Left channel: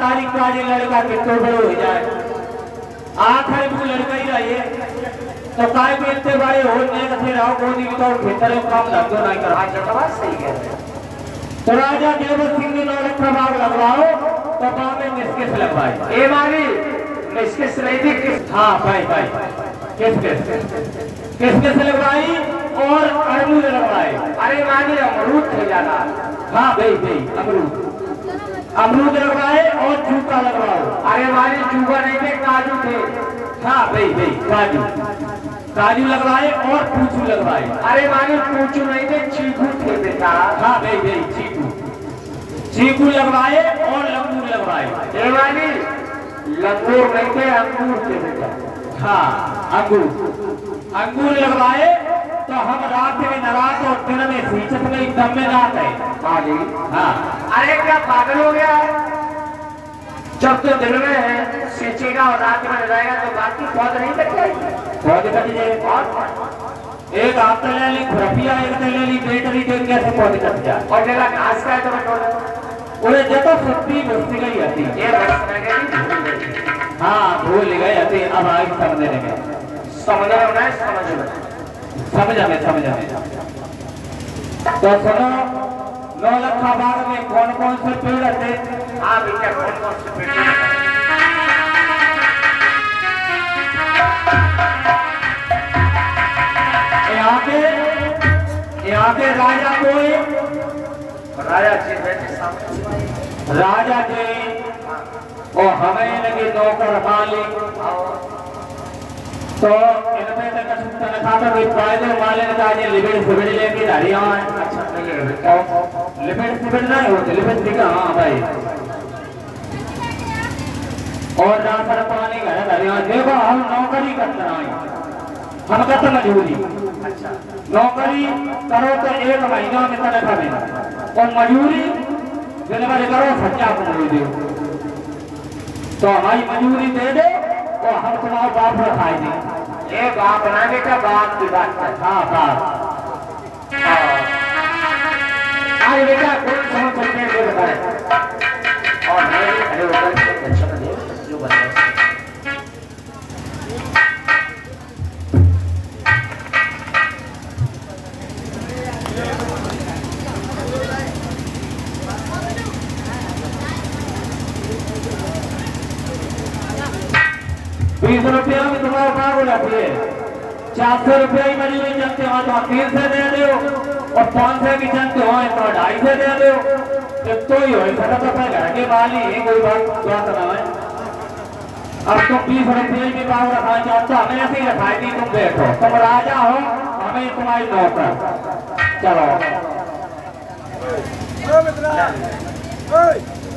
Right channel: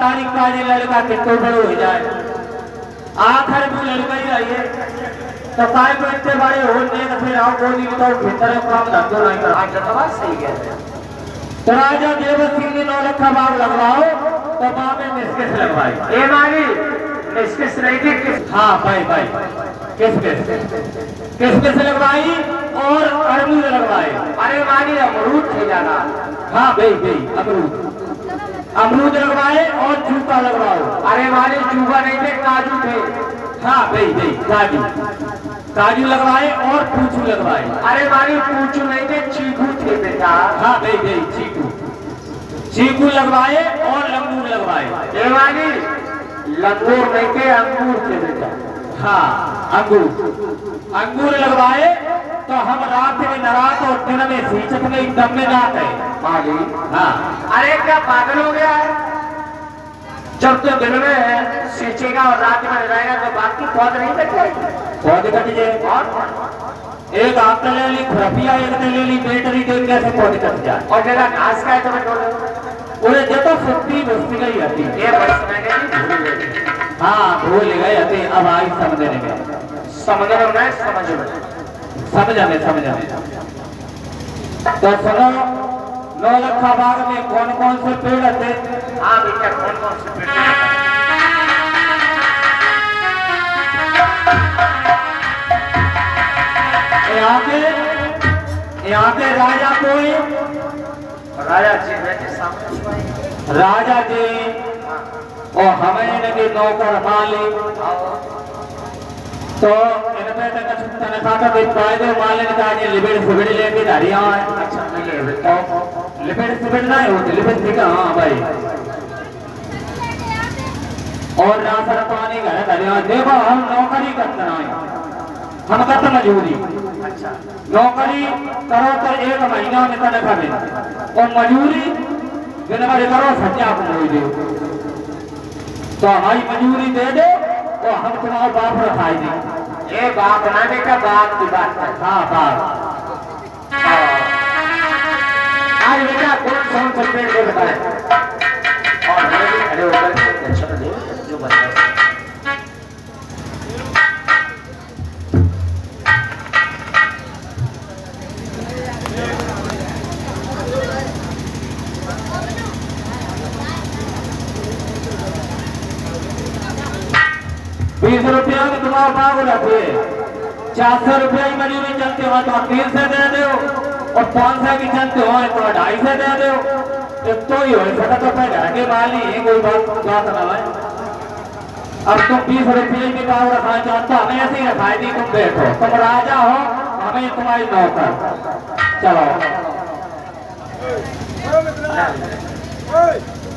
तारीख का ये लड़का कितने बड़े हो जाए, आखिर में लड़का ही रहिए तो काय को इतने बड़े हो नहीं तो फिर आओ कोई नहीं तो भीतर काम लगो नहीं कर आज तो बात सही है। तो राजा देवत सिंह ने 9 लाख बाग लगवाओ तो बाग में निष्केस लगवाई ए मारी निष्केस नहीं थी। हाँ भाई भाई किस लगवाई और अमरूद लगवाए। अरे मानी अमरूद थे जाना। हाँ भाई अमरूद लगवाए और जूता लगवाओ। अरे मानी जूता नहीं थे काजू थे। हाँ भाई काजू लगवाए और पूछू लगवाए। अरे मानी पूछू नहीं थे चीकू थे बेटा। हाँ भाई चीकू लगवाए और लंगूर लगवाए। मानी लंगूर नहीं थे अंगूर थे बेटा। हाँ अंगूर लगवाए तो हम रात में नरात और दिन में सींचत गई दम में रात है माली। हाँ अरे क्या पागल हो गया है, जब तो दिन में है सींचेगा और रात में लगाएगा तो बाकी पौध नहीं कटेगा। पौध कट जाए एक आप ले ली खुरपिया एक ले ली बैटरी देख कैसे पौध कट जाए और जरा घास का है तो उन्हें जब सुत्ती बस्ती गई आती ये बस में गई। हाँ भूल गए आती अब आई समझने में समझ में तो सुनो 9 लाख बाग में कौन कौन से पेड़ थे। हाँ बेटा कौन कौन से पेड़ यहाँ के राजा कोई राजा जी और हमें लगे नौकर माली तो इनमें तने साथ में फायदे माले ने कहा लिबेड़ सिबेड़ लेके धारियां लिबेड़ सिबेड़ ना होते लिबेड़ सिका। हाँ भाई और राशन पानी घर धारियां देखो हम नौकरी करते हैं हम करते मजदूरी। अच्छा नौकरी करो तो 1 महीना में तनख्वाह मिले और मजदूरी दिन भर करो सच्चा नहीं दे तो हमारी मजदूरी दे दो तो हम तुम्हारे बाप में खाई दें। ये बाप ना बेटा बाप की बात है। हाँ बाप आज बेटा कौन सा कंप्लेंट दे बताए और खड़े होकर टेंशन ले जो बताए। ₹20 में तुम्हारा बाग हो जाती है। 400 रुपये की मजदूरी चलते हो तो 300 दे दो और 500 की चलते हो तो 250 दे दो तो ही हो सकता तो अपने घर के माली है कोई बात ना है। अब तुम 20 रुपये की बाग रखना चाहते हो हमें ऐसे ही रखाई नहीं तुम बैठो तुम राजा हो हमें तुम्हारी नौकर। चलो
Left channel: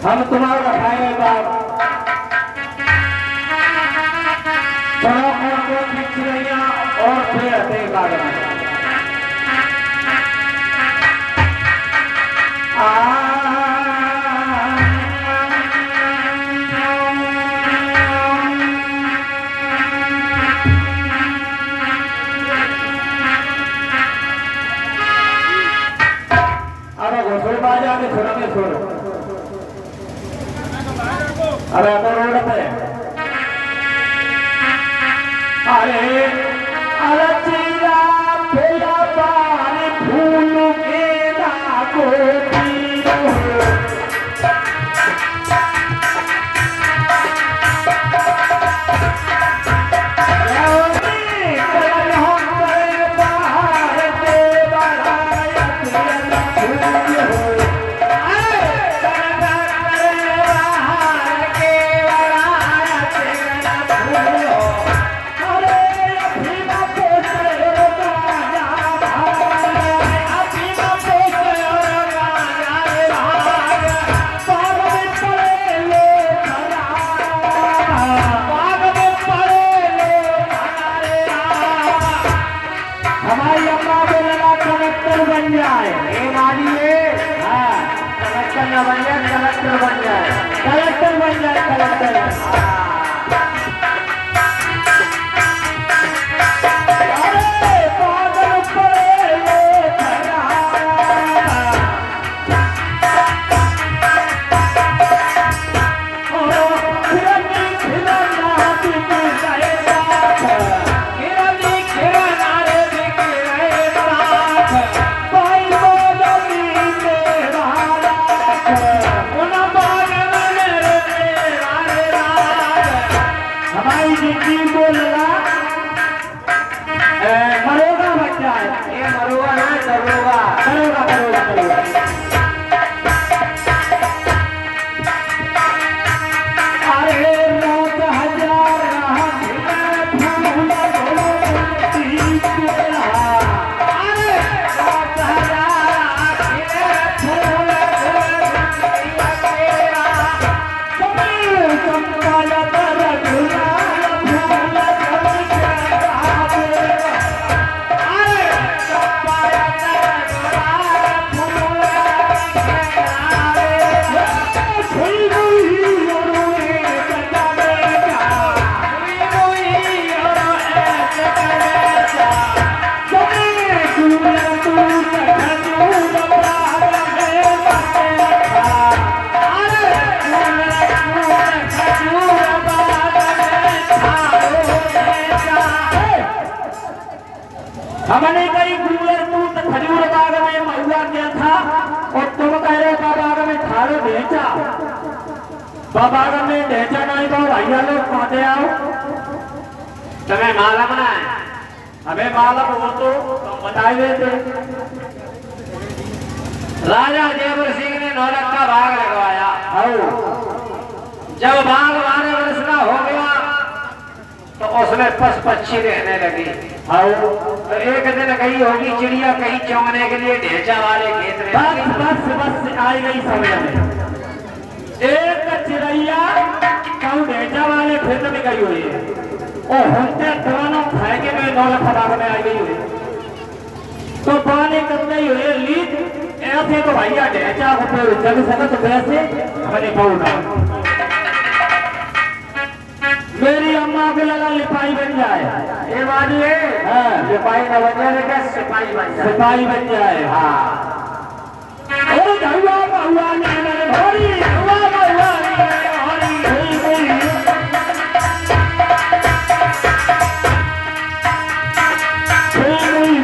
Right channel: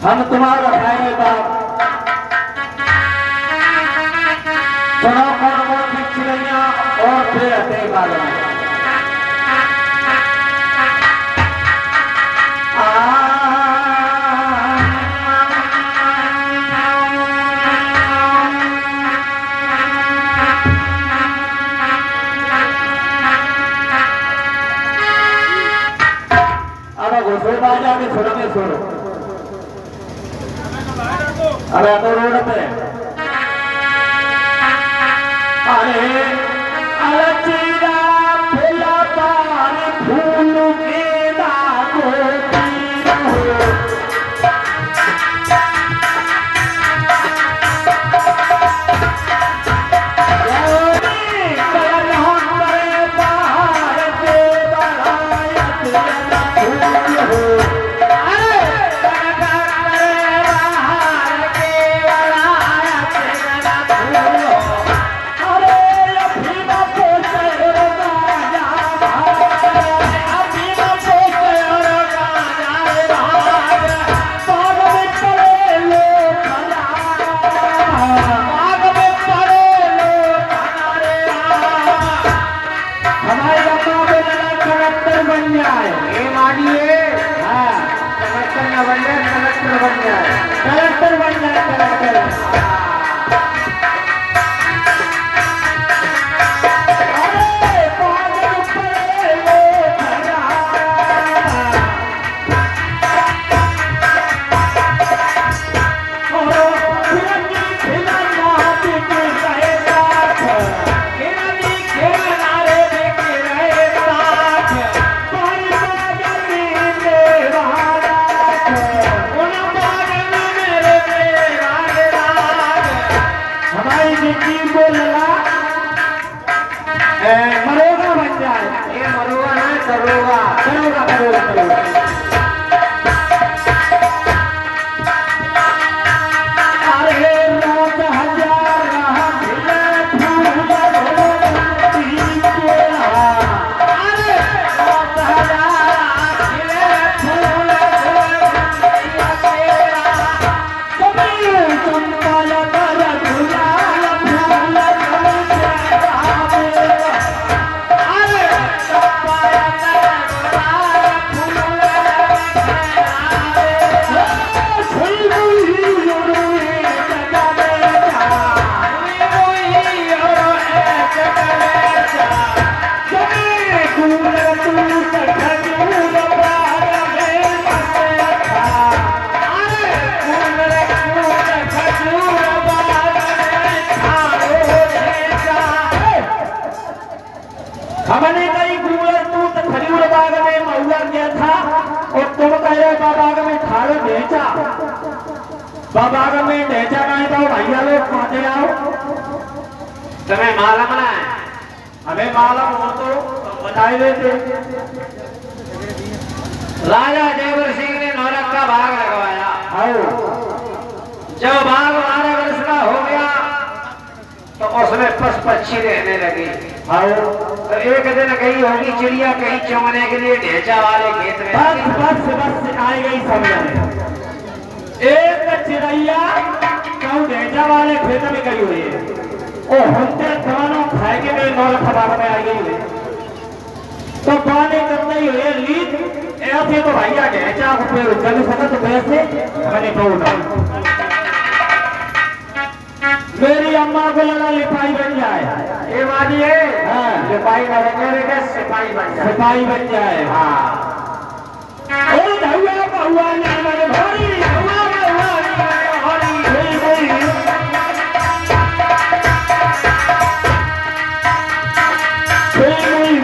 हम तुम्हारा रखाएंगे बाग। सुनो कौन कौन सी चिड़िया और पेड़ थे बाग में। अब घोषो बाजा में छोड़ा में छोड़ो अरे अब रोड पे अरे अरचिया फूला पानी फूल के लागो पीरो हमारी अम्मा को लगा कलेक्टर बन जाए। ये मानिए हाँ कलेक्टर न बन जाए कलेक्टर बन जाए कलेक्टर बन जाए कलेक्टर। की बोलना मरोगा बन जाए। ये मरोगा ना करोगा करोगा करोगा करोगा। अरे 9,000 हमने कई कूलर तू तो खजूर बाग में महुआ गया था और तुम कह रहे बाबाग में खाड़े बेचा। बाबाग में बेचा नहीं तो भैया लोग खाते आओ तुम्हें मालूम ना है। हमें मालूम हो तो बताई देते। राजा जयवर सिंह ने नौरत का भाग लगवाया। जब बाघ 12 वर्ष का हो गया तो उसमें पशु पक्षी रहने लगी। तो एक दिन गई होगी चिड़िया कहीं चौंकने के लिए ढेंचा वाले खेत में। बस बस बस आई गई समझ में। एक चिड़िया कहूँ ढेंचा वाले खेत में गई हुई है और होते दोनों खाएंगे मेरे नौला खबार में आई गई हुई। तो पानी कब नहीं हुए लीड ऐसे तो भैया ढेंचा चल सका तो वैसे हमने पहुंचा। मेरी अम्मा को लगा लिपाई बन जाए। ये बात है। हाँ लिपाई न बन जाए सिपाही बन जाए। सिपाही बन जाए। हाँ ओ धुआ बहुआ ने मेरे भोरी धुआ बहुआ ने हरी हरी हरी कोई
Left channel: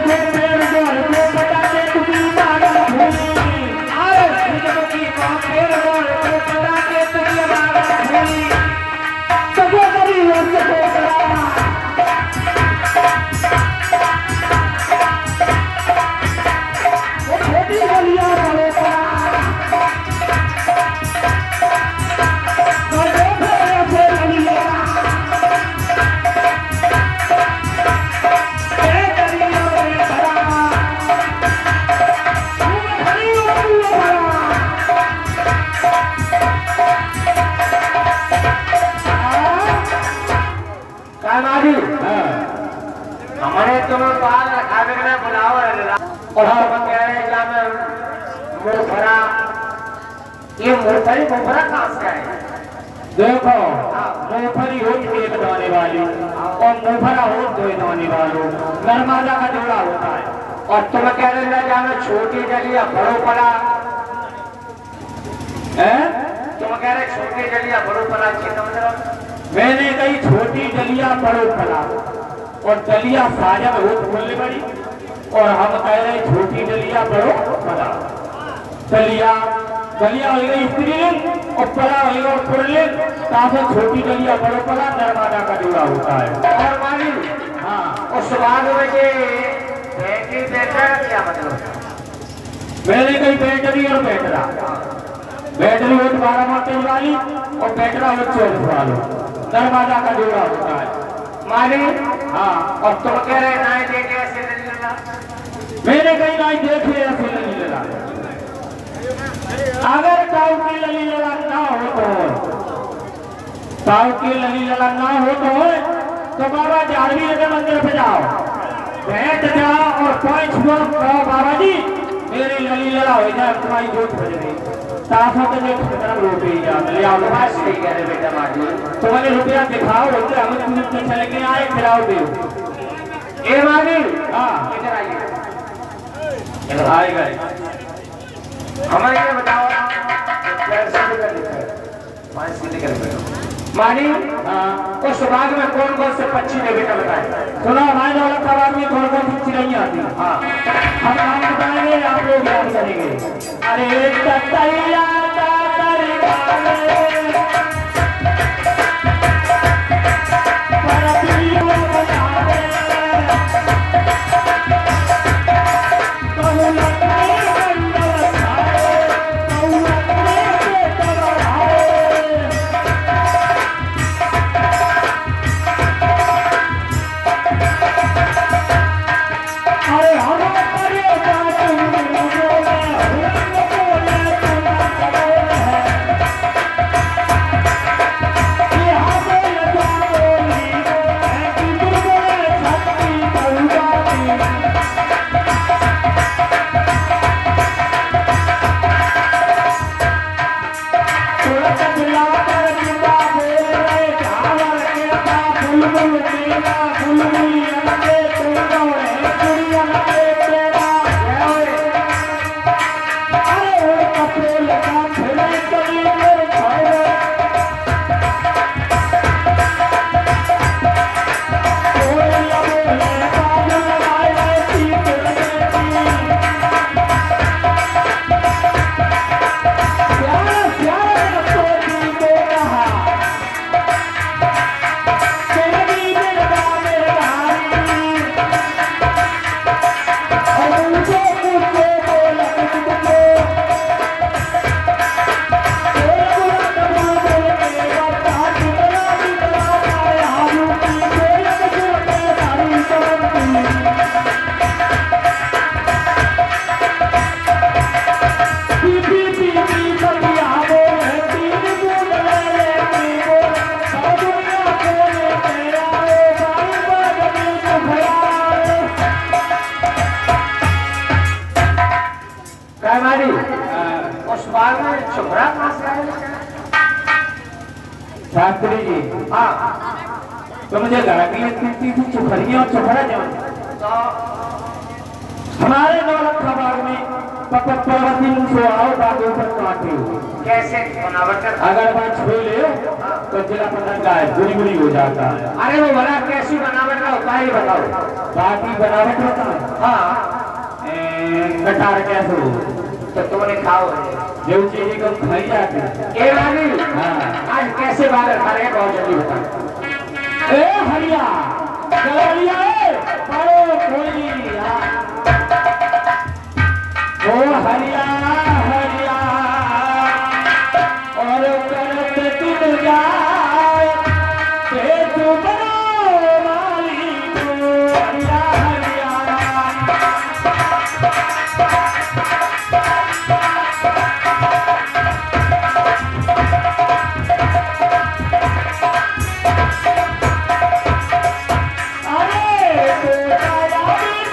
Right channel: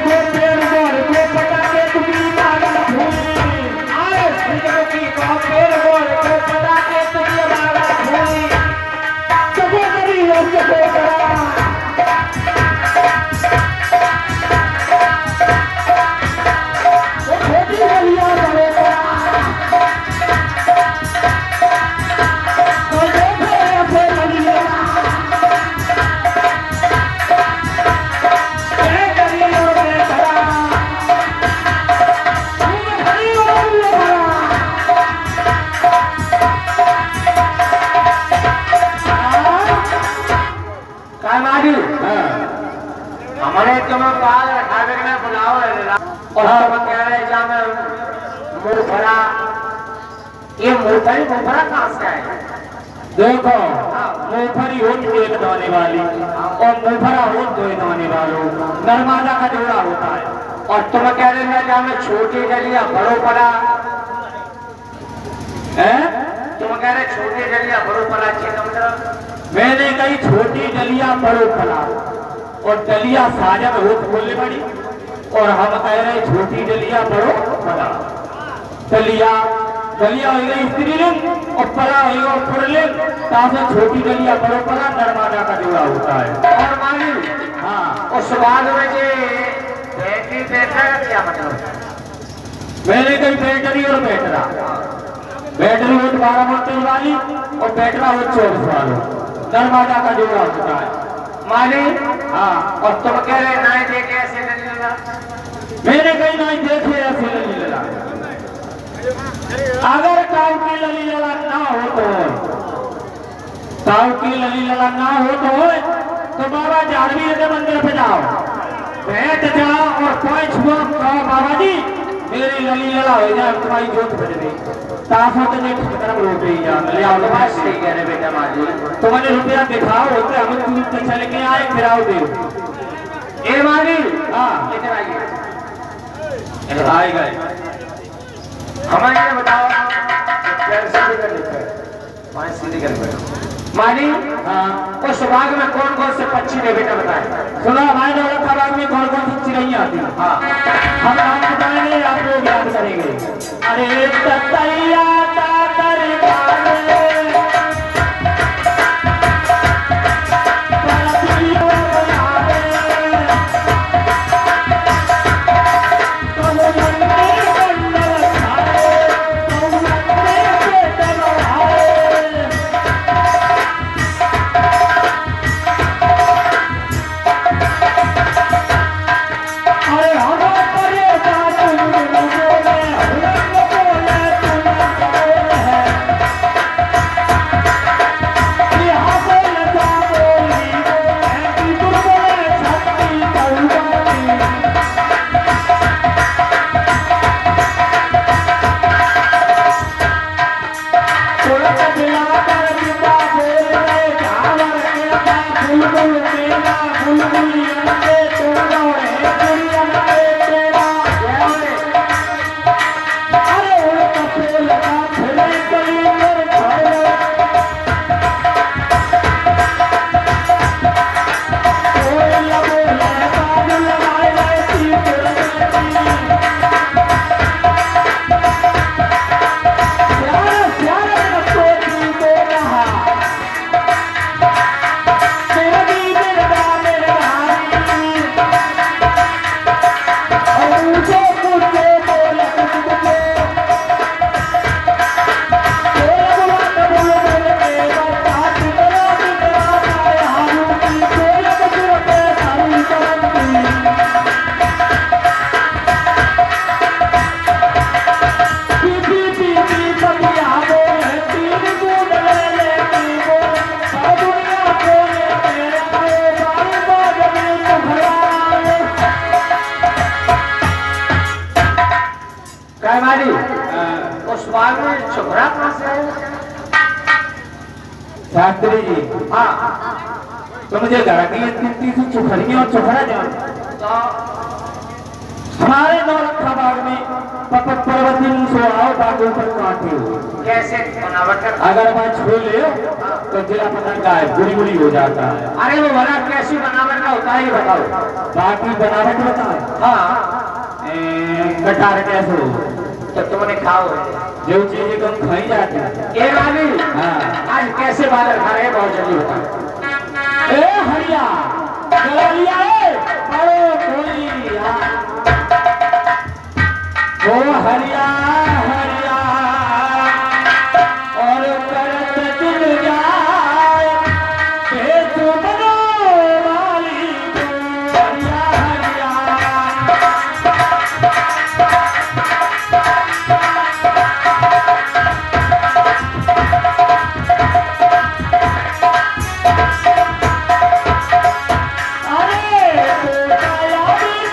को पेड़ को पटाके तुम्हें मार भूली। आओ सुनो की को पेड़ को पटाके तुम्हें मार भूली। हमारे तुम्हें बाल रखावे के लिए बुलाओ और हम कह रहे हैं मुरफरा। ये मुरफरी मुरफरा कहाँ से है? देखो मुरफरी होती है बताने वाली और मुरफरा हो दो बताने वालों नर्मदा का जोड़ा होता है। और तुम कह रहे हैं जहाँ में छोटी डलिया बड़ो पड़ा है। तुम कह रहे छोटी डलिया बड़ो पड़ा चिन्ह। मैंने कही छोटी डलिया बड़ो पड़ा और डलिया साजन हो तो बोलने पड़ी और हम कह रहे छोटी डलिया बड़ो पड़ा। डलिया डलिया हो गई स्त्रीलिंग और पड़ा हो पुल्लिंग। ताकि छोटी डलिया बड़ो पड़ा नर्मदा का जोड़ा होता है। और मालूम हाँ उस बाद में ये बैटरी बैठा क्या मतलब? मैंने कही बैटरी और बैटरा। बैटरी हो 12 वोल्टेज वाली और बैटरा हो 24 वाली नर्मदा का जोड़ा होता है। मालिक हाँ और तुम कह रहे नाई देखे ऐसे नहीं लेना। मेरे कहीं नाई देखे ऐसे नहीं लेना। अगर काऊ की लली लगा ना हो तो काऊ की लली लगा ना हो तो बाबा जाड़वी के मंदिर पे जाओ बैठ जाओ और कोई छुआ कहो बाबा जी मेरी लली लगा हो जाए तुम्हारी जोत बज गई। ताशा के लिए खतरा रोटी ले आओ। बात सही कह रहे बेटा माजी। तुम्हारे रुपया दिखाओ होते हम तुम पीछे लेके आए फिराओ दे। ए माजी हाँ इधर आइए। इधर आए गए। हमें ये बताओ कैसे लिखा है? पांच सीधे कर मानी हाँ उस बाग में कौन कौन से पक्षी ने बेटा बताए? सुनो हमारे दौलत बाग में कौन कौन सी चिड़िया आती है? हाँ हम नाम बताएंगे आप लोग याद करेंगे। अरे ततैया तातर काले भाई उस बाग में छुपरा कहाँ से आया? शास्त्री जी हाँ तो मुझे घर की तीन सी छुपरियां और छुपरा जाओ हमारे नौलखा बाग में पर्वती से आओ बागों पर काटे हो कैसे बनावट कर? अगर बात छू ले तो जिला पता का है बुरी बुरी हो जाता है। अरे वो भला कैसी बनावट का होता है ये बताओ। बाकी बनावट होता है हाँ कटार कैसे हो तो तुमने खाओ जो चीजें कम खाई जाती है। ये रानी हाँ आज कैसे बादल खा रहे हैं बहुत जल्दी होता ए हरिया गलरिया ओ हरिया हरिया और करत दिल जाए के तुम वाली को हरिया हरिया अरे तो आया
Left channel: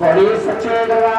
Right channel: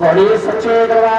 बड़ी सच्चे दवा